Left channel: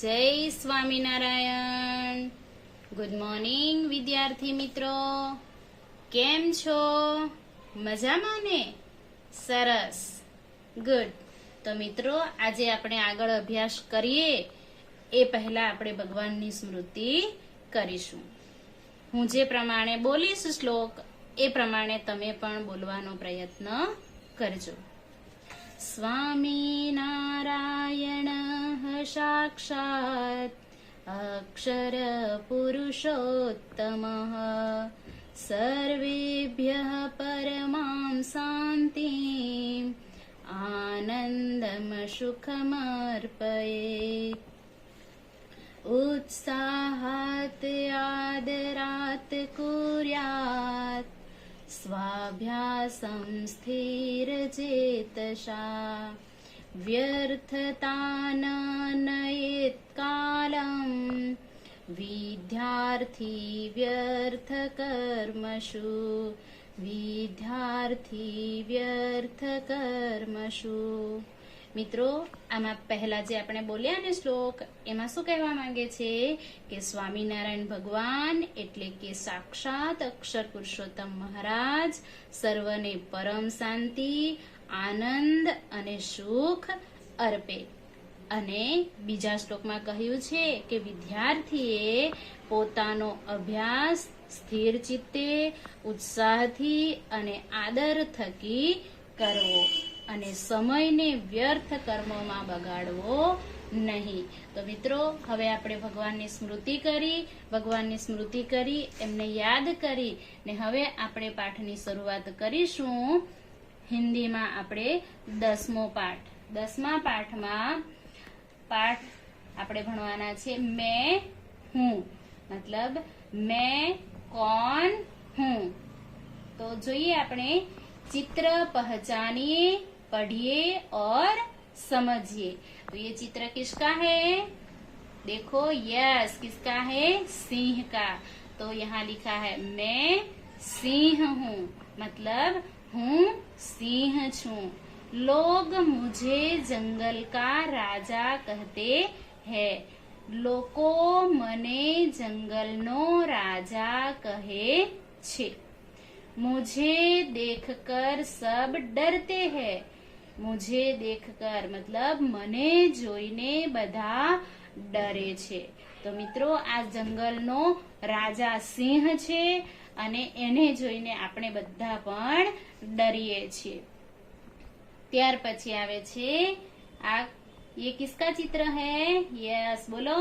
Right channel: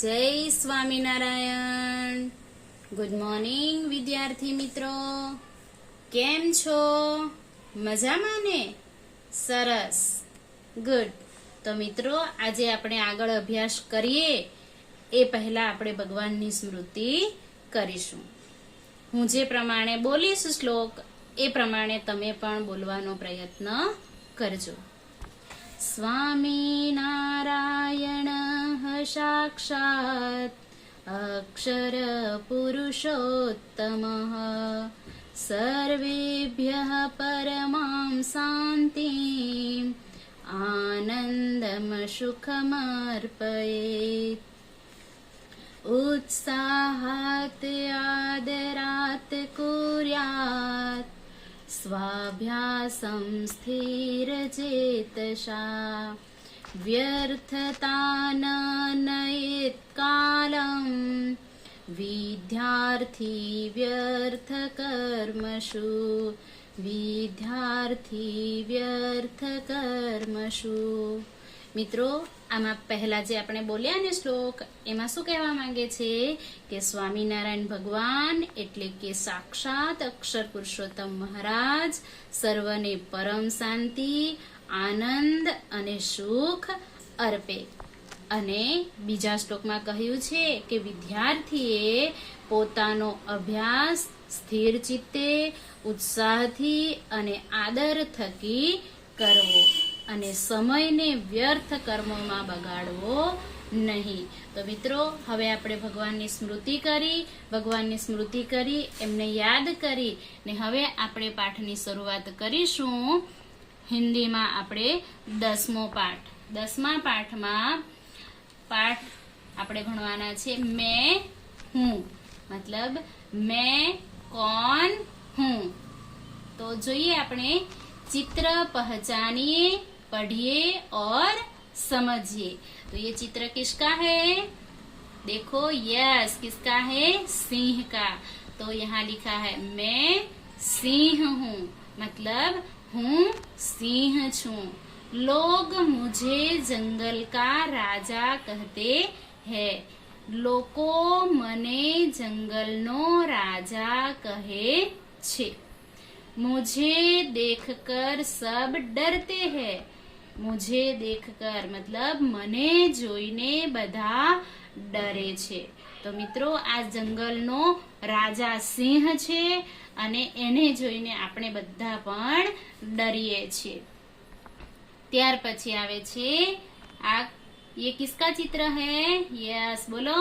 જય Swaminarayan. Good morning વિદ્યાર્થી મિત્રો. કેમ છો? મજામાં ને? સરસ, ગુડ. તો મિત્રો, આજે આપણે આગળ અભ્યાસ કરીએ એ પહેલા આપણે ભગવાનની સ્મૃતિ કરીશું. હું જે પ્રમાણે બોલીશ શ્લોક એ પ્રમાણે તમે પણ બોલવાનો પ્રયત્ન કરજો. સ્વામિનારાયણ સાક્ષાત અક્ષર પુરુષોત્તમઃ સર્વેભ્યઃ પરમાં શાંતિં આનંદમ સુખમર્પયેત. ઉત્સાહાત આદરાત કુર્યાત સ્વાભ્યાસં સ્થિરચેતસા વ્યર્થતા ન નયેત કાલં વિદ્યાર્થી વ્યર્થ કર્મસુ મિત્રો, આમાં પહેલા જે આપણે બોલ્યા ને શ્લોક, એમાં શું કહેવા માંગે છે કે સ્વામિનારાયણ ભગવાન એટલે કે સાક્ષાત અક્ષર પુરુષોત્તમ મહારાજ સર્વને પરમ શાંતિ, આનંદ અને સુખ અર્પે. અને બીજા શ્લોકમાં કહ્યું છે કે વિદ્યાર્થીએ પોતાનો અભ્યાસ સ્થિર ચિત્તે, ઉત્સાહથી અને આદર થકી કરવો અને સમયને વ્યર્થ કર્મોમાં બગાડવો નહીં. તો મિત્રો, હવે આપણે ભગવાનની સ્મૃતિ કરી એમને યાદ કરી ને હવે આપણે પાઠની શરૂઆત કરીશું. હિન્દીમાં આપણે 10મો પાઠ. 10મા પાઠમાં આપણે ભણવાના છે મેં હું, મતલબ मैं कौन हूँ. तो જોઈએ આપણે चित्र पहचानिए, पढ़िए और समझिए. तो ये चित्र किसका है? देखो, यस, किसका है? सिंह का. तो यहाँ लिखा है मैं सिंह हूँ, मतलब हूँ सिंह छू. लोग मुझे जंगल का राजा कहते हैं. લોકો મને જંગલનો રાજા કહે છે. मुझे देखकर सब डरते हैं. मुझे देखकर मतलब મને જોઈને બધા ડરે છે. તો મિત્રો, આ જંગલનો રાજા સિંહ છે અને એને જોઈને આપણે બધા પણ ડરીએ છીએ. ત્યાર પછી આવે છે આ ये किसका चित्र है? यस, बोलो.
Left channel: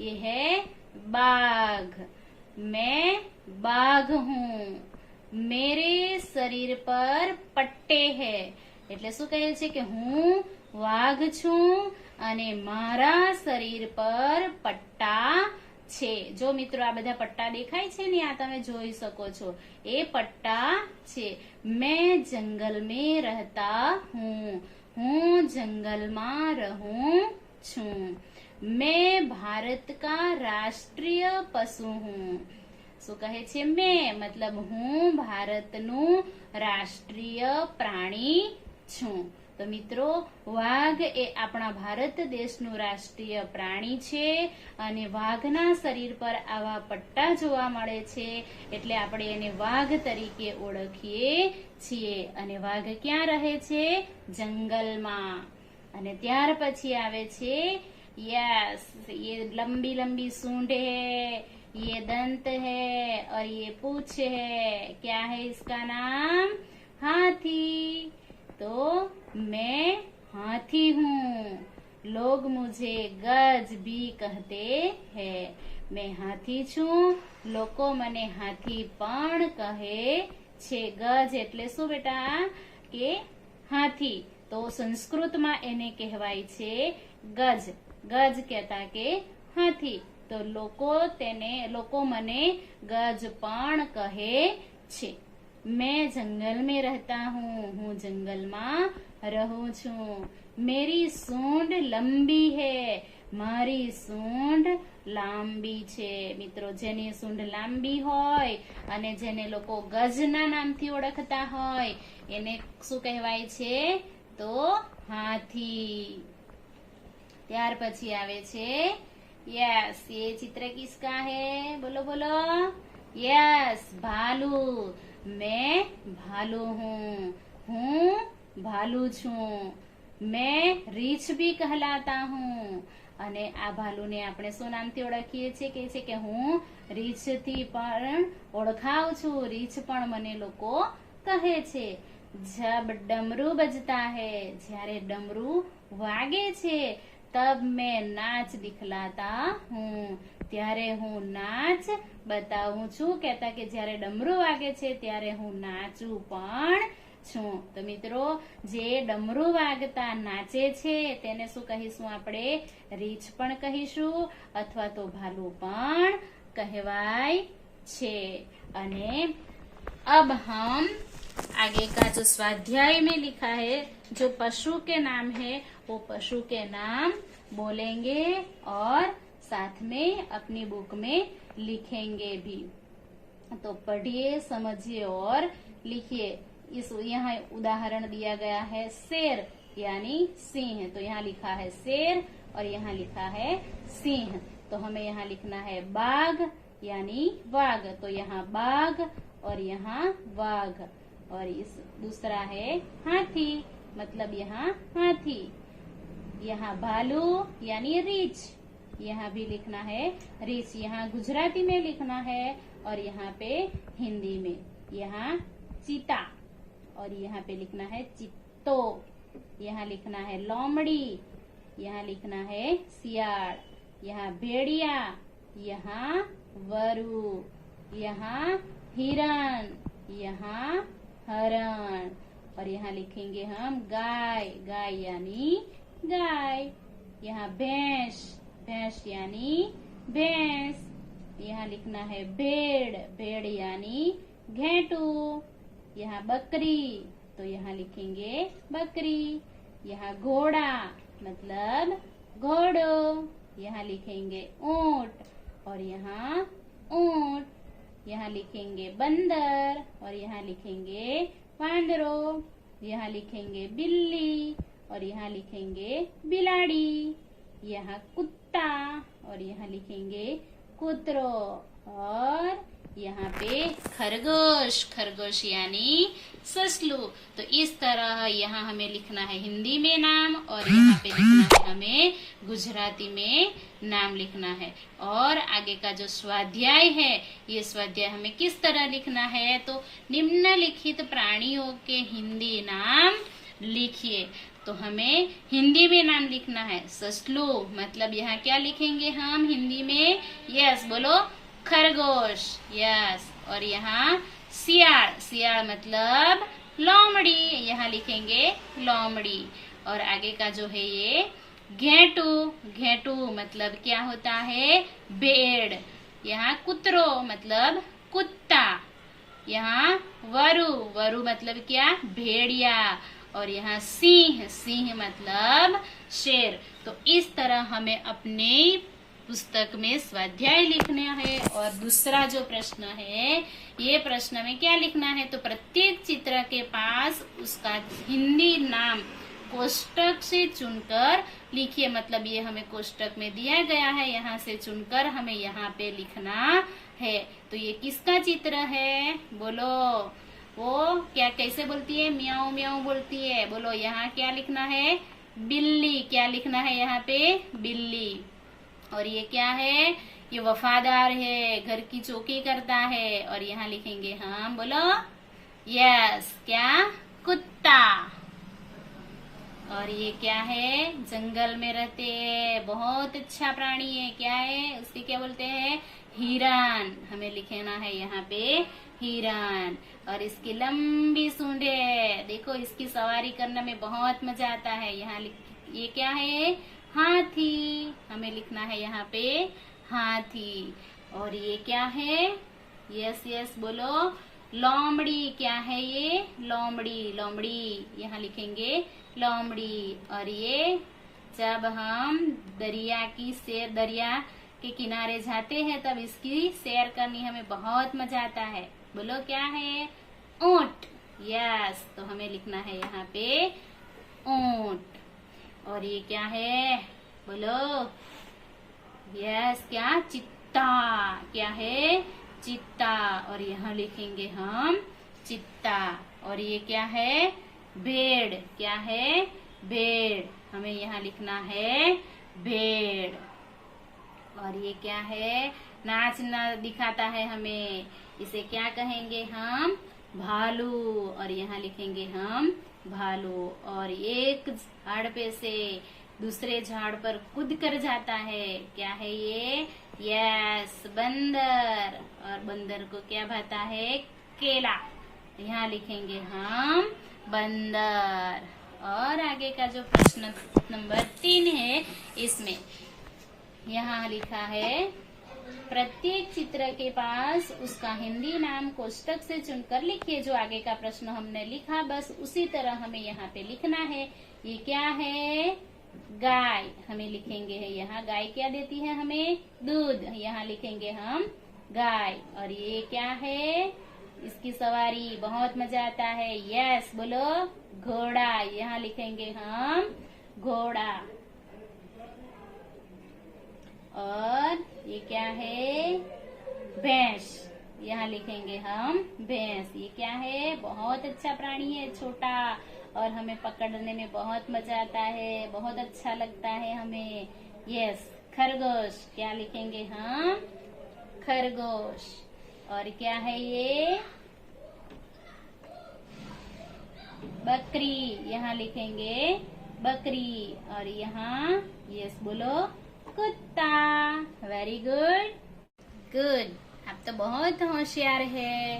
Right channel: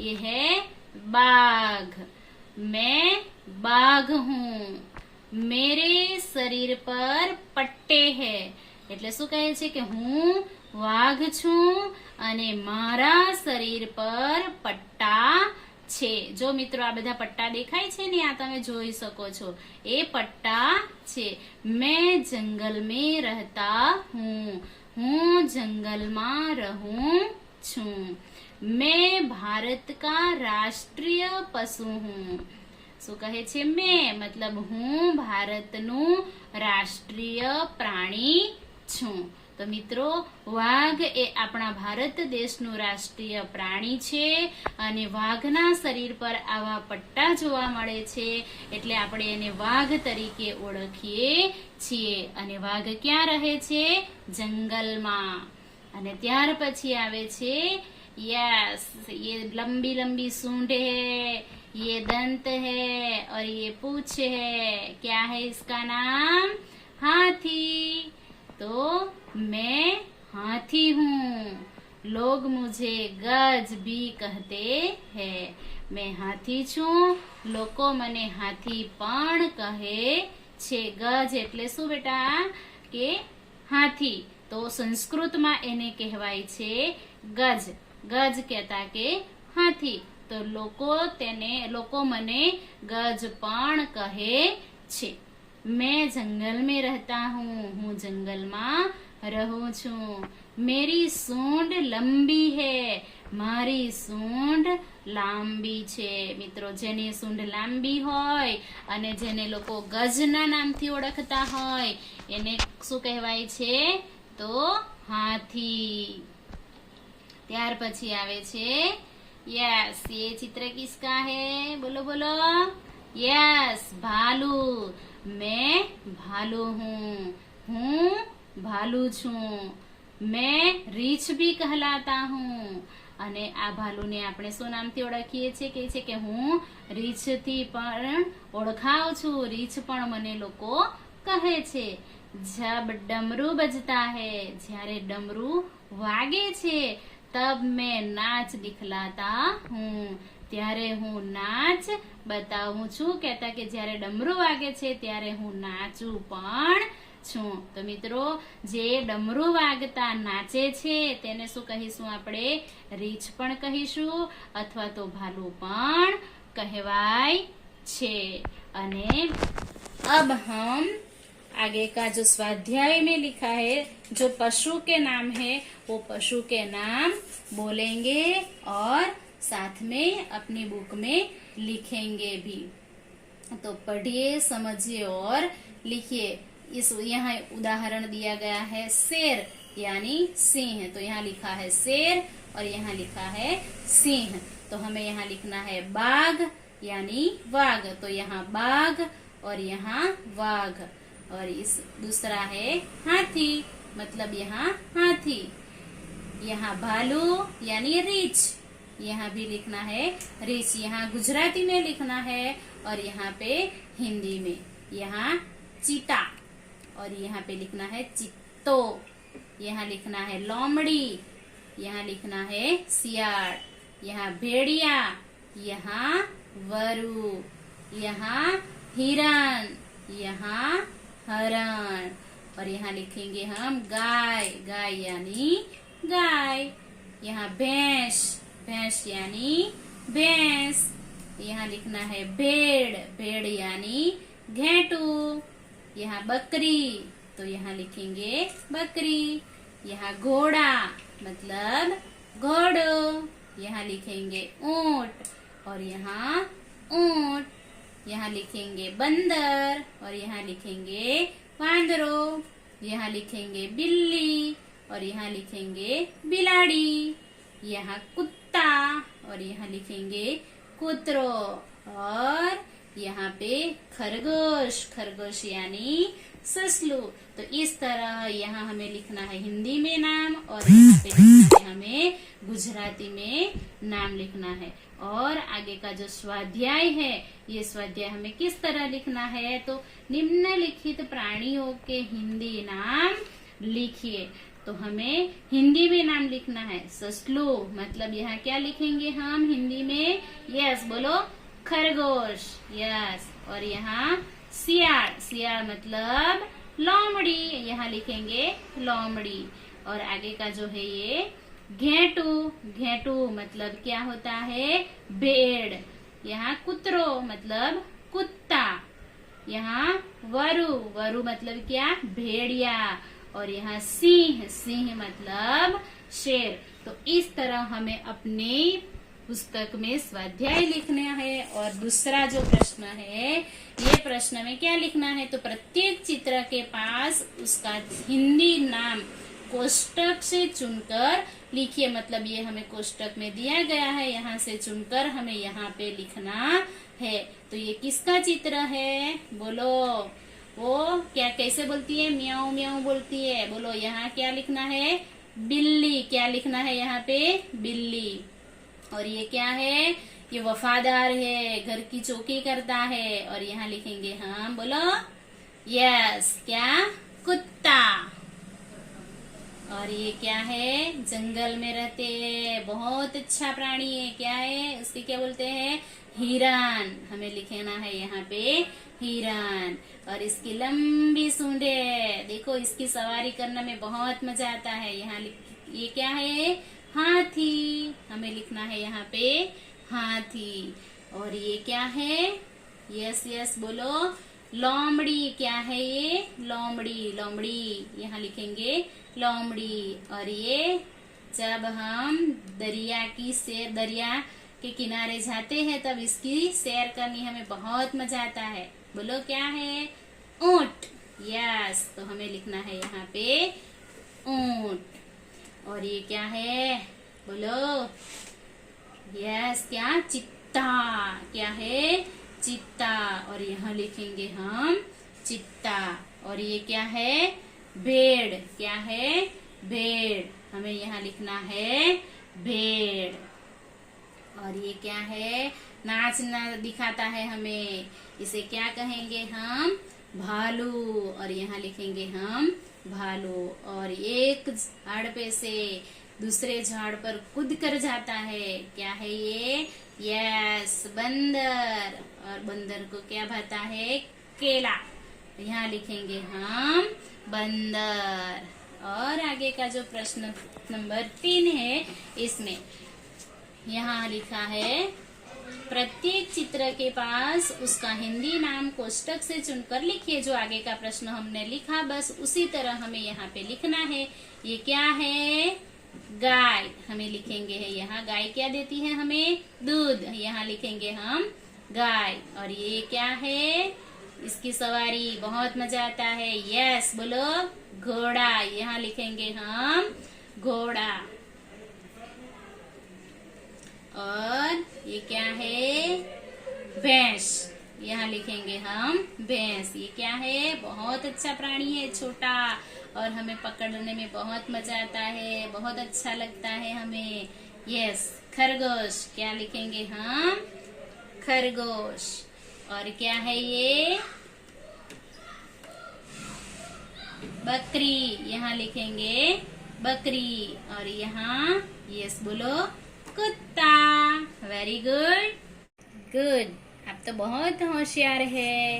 ये है बाघ. मैं बाघ हूँ. मेरे शरीर पर पट्टे है. એટલે શું કહે છે કે હું વાઘ છું અને મારા શરીર પર પટ્ટા છે. જો મિત્રો, આ બધા પટ્ટા દેખાય છે ને, આ તમે જોઈ શકો છો, એ પટ્ટા છે. मैं जंगल में रहता हूँ. હું જંગલમાં રહું છું. मैं भारत का राष्ट्रीय पशु हूँ. શું કહે છે? મેં મતલબ હું ભારતનું રાષ્ટ્રીય પ્રાણી છું. તો મિત્રો, વાઘ એ આપણા ભારત દેશનું રાષ્ટ્રીય પ્રાણી છે અને વાઘના શરીર પર આવા પટ્ટા જોવા મળે છે એટલે આપણે એને વાઘ તરીકે ઓળખીએ છીએ. અને વાઘ ક્યાં રહે છે? જંગલમાં. અને ત્યાર પછી આવે છે यस, ये लंबी लंबी सूंड है, ये दंत है और ये पूंछ है. क्या है इसका नाम? हाथी. तो मैं हाथी हूँ. लोग मुझे गज भी कहते हैं. मैं हाथी છું. લોકો મને હાથી પણ કહે છે. ગજ એટલે શું બેટા? કે હાથી. તો સંસ્કૃતમાં એને કહેવાય છે ગજ. ગજ કહેતા કે હાથી. તો લોકો મને ગજ પણ કહે છે. मैं जंगल में रहता हूँ. હું જંગલમાં રહું છું. मेरी सूंड लंबी है. મારી સૂંઢ લાંબી છે. મિત્રો, જેની સૂંઢ લાંબી હોય અને જેને લોકો ગજના નામથી ઓળખતા હોય એને શું કહેવાય છે? તો હાથી. ત્યાર પછી આવે છે यस। ये चित्र किसका है? बोलो बोलो। यस, भालू। मैं भालू हूँ भालू छू। मैं રીંછ भी कहलाता हूँ। અને આ ભાલુને આપણે શું નામથી ઓળખીએ છીએ? કે છે કે હું રીંછથી પણ ઓળખાવ છું, રીંછ પણ મને લોકો કહે છે। जब डमरू बजता है, જ્યારે ડમरू વાગે છે, तब मैं नाच दिखलाता हूँ, ત્યારે હું નાચ બતાવું છું। કહેતા કે જ્યારે ડમरू વાગે છે ત્યારે હું નાચું પણ છું। તો મિત્રો, જે ડમरू વાગતા નાચે છે તેને શું કહીશું આપણે? રીંછ પણ કહીશું અથવા તો ભાલુ પણ કહેવાય છે। અને अब हम आगे का जो स्वाध्याय में लिखा है, जो पशु के नाम है, वो पशु के नाम बोलेंगे और साथ में अपनी बुक में लिखेंगे भी। तो पढ़िए, समझिए और लिखिए। इस यहाँ उदाहरण दिया गया है शेर यानी सिंह, तो यहाँ लिखा है शेर और यहाँ लिखा है सिंह। तो हमें यहाँ लिखना है बाघ यानी वाघ, तो यहाँ बाघ और यहाँ वाघ। और इस दूसरा है हाथी, मतलब यहाँ हाथी। यहाँ भालू यानी रीछ, यहाँ भी लिखना है रीछ। यहाँ गुजराती में लिखना है और यहाँ पे हिंदी में। यहाँ चीता और यहाँ पे लिखना है चित्तो। यहाँ लिखना है लोमड़ी, यहाँ लिखना है सियार। यहाँ भेड़िया, यहाँ वरु, यहाँ हिरण, यहाँ हरण। और यहाँ लिखेंगे हम गाय, गाय यानी गाय। यहाँ भैंस, भैंस यानी भैंस। यहाँ लिखना है भेड़, भेड़ यानी घेटू। यहाँ बकरी, तो यहाँ लिखेंगे बकरी। यहाँ घोड़ा मतलब घोड़ो, यहाँ लिखेंगे ऊंट और यहाँ ऊंट। यहाँ लिखेंगे बंदर और यहाँ लिखेंगे वांदरो। यहाँ लिखेंगे बिल्ली और यहाँ लिखेंगे बिलाड़ी। यहाँ कुत्ता और यहाँ लिखेंगे कुतरो। और यहाँ पे खरगोश, खरगोश यानी ससलू। तो इस तरह यहाँ हमें लिखना है हिंदी में नाम और यहाँ पे लिखना है हमें गुजराती में नाम लिखना है। और आगे का जो स्वाध्याय है, ये स्वाध्याय हमें किस तरह लिखना है? तो निम्नलिखित प्राणियों के हिंदी नाम लिखिए। तो हमें हिंदी में नाम लिखना है ससलू, मतलब यहाँ क्या लिखेंगे हम हिंदी में? यस बोलो, खरगोश। यस। और यहाँ सियार, सियार मतलब लोमड़ी, यहाँ लिखेंगे लोमड़ी। और आगे का जो है ये घेटू, घेटू मतलब क्या होता है? भेड़। यहाँ कुतरो मतलब कुत्ता। यहाँ वरु, वरु मतलब क्या? भेड़िया। और यहाँ सिंह, सिंह मतलब शेर। तो इस तरह हमें अपने पुस्तक में स्वाध्याय लिखना है। और दूसरा जो प्रश्न है, ये प्रश्न में क्या लिखना है? तो प्रत्येक चित्र के पास उसका हिंदी नाम कोष्टक से चुनकर लिखिए। मतलब ये हमें कोष्टक में दिया गया है, यहाँ से चुनकर हमें यहाँ पे लिखना है। तो ये किसका चित्र है? बोलो। वो क्या कैसे बोलती है? म्याऊ म्याऊ बोलती है। बोलो, यहाँ क्या लिखना है? बिल्ली। क्या लिखना है यहाँ पे? बिल्ली। और ये क्या है? ये वफादार है, घर की चौकी करता है। और यहाँ लिखेंगे हम, बोलो यस, क्या? कुत्ता। और ये क्या है? जंगल में रहते हैं, बहुत अच्छा प्राणी है। क्या है? उसकी क्या बोलते हैं? हिरण। हमें लिखना है यहाँ पे हिरण। और इसकी लंबी सूंड है, देखो इसकी सवारी करने में बहुत मजा आता है। यहाँ ये क्या है? हाथी। हमें लिखना है यहाँ पे हाथी। और ये क्या है? यस यस बोलो, लोमड़ी। क्या है ये? लोमड़ी, लोमड़ी। यहाँ लिखेंगे लोमड़ी। और ये जब हम दरिया के किनारे जाते हैं तब इसकी सैर करनी हमें बहुत मजा आता है। बोलो क्या है? ऊंट। यस। तो हमें लिखना है यहाँ पे ऊंट। और ये क्या है? बोलो। यस, क्या? चित्ता। क्या है? चित्ता। और यहाँ लिखेंगे हम चित्ता। और ये क्या है? भेड़। क्या है? भेड़। हमें यहाँ लिखना है भेड़। और ये क्या है? नाचना दिखाता है हमें, इसे क्या कहेंगे हम? भालू। और यहाँ लिखेंगे हम भालू। और एक झाड़ पे से दूसरे झाड़ पर कूद कर जाता है, क्या है ये? यस, बंदर। और बंदर को क्या भाता है? केला। यहाँ लिखेंगे हम बंदर। और आगे का जो प्रश्न नंबर 3 है, इसमें यहाँ लिखा है, प्रत्येक चित्र के पास उसका हिंदी नाम कोष्टक से चुनकर लिखिए। जो आगे का प्रश्न हमने लिखा, बस उसी तरह हमें यहाँ पे लिखना है। ये क्या है? गाय। हमें लिखेंगे है यहाँ, गाय क्या देती है हमें? दूध। यहाँ लिखेंगे हम गाय। और ये क्या है? इसकी सवारी, बहुत मजा आता है। यस, बोलो, घोड़ा। यहाँ लिखेंगे हम घोड़ा। और ये क्या है? भैंस। यहाँ लिखेंगे हम भैंस। ये क्या है? बहुत अच्छा प्राणी है, छोटा, और हमें पकड़ने में बहुत मजा आता है, बहुत अच्छा लगता है हमें। यस, खरगोश। क्या लिखेंगे हम? खरगोश। और क्या है ये? बकरी। यहाँ लिखेंगे बकरी। और यहाँ यस बोलो, कुत्ता। Very good, good. आप तो बहुत होशियार है।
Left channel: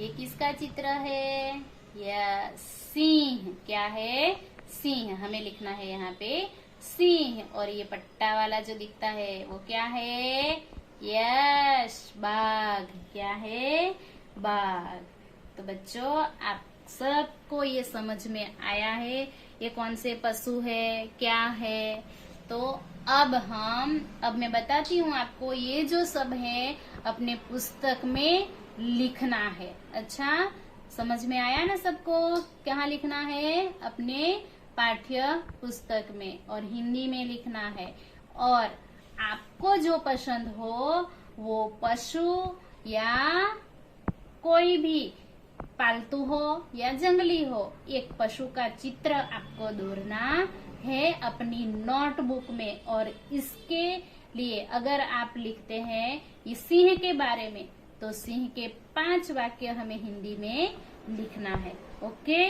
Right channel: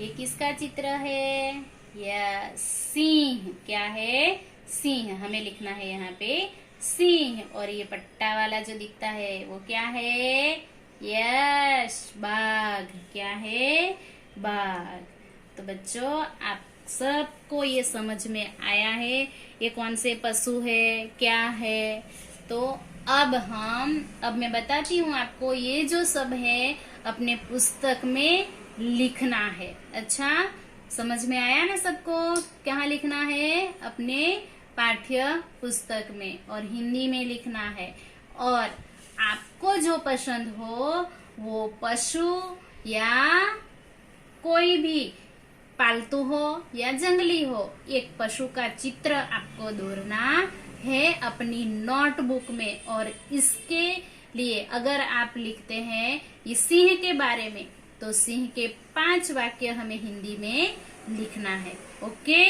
ये किसका चित्र है? यस, सिंह। क्या है? सिंह। हमें लिखना है यहाँ पे सिंह। और ये पट्टा वाला जो दिखता है वो क्या है? यस, बाघ। क्या है? बाघ। तो बच्चों, आप सबको ये समझ में आया है ये कौन से पशु है, क्या है? तो अब मैं बताती हूँ आपको, ये जो सब है अपने पुस्तक में लिखना है। अच्छा, समझ में आया ना सबको? कहाँ लिखना है? अपने पाठ्य पुस्तक में, और हिंदी में लिखना है। और आपको जो पसंद हो वो पशु या कोई भी पालतू हो या जंगली हो, एक पशु का चित्र आपको दौड़ना है अपनी नोटबुक में। और इसके लिए अगर आप लिखते हैं ये सिंह के बारे में, तो सिंह के 5 वाक्य हमें हिंदी में लिखना है। ओके?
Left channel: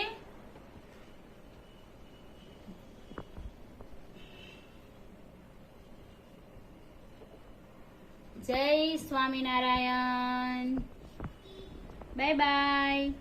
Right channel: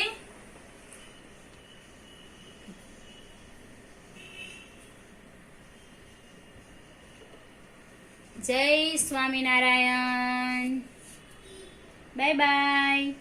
जय स्वामीनारायण। Bye bye.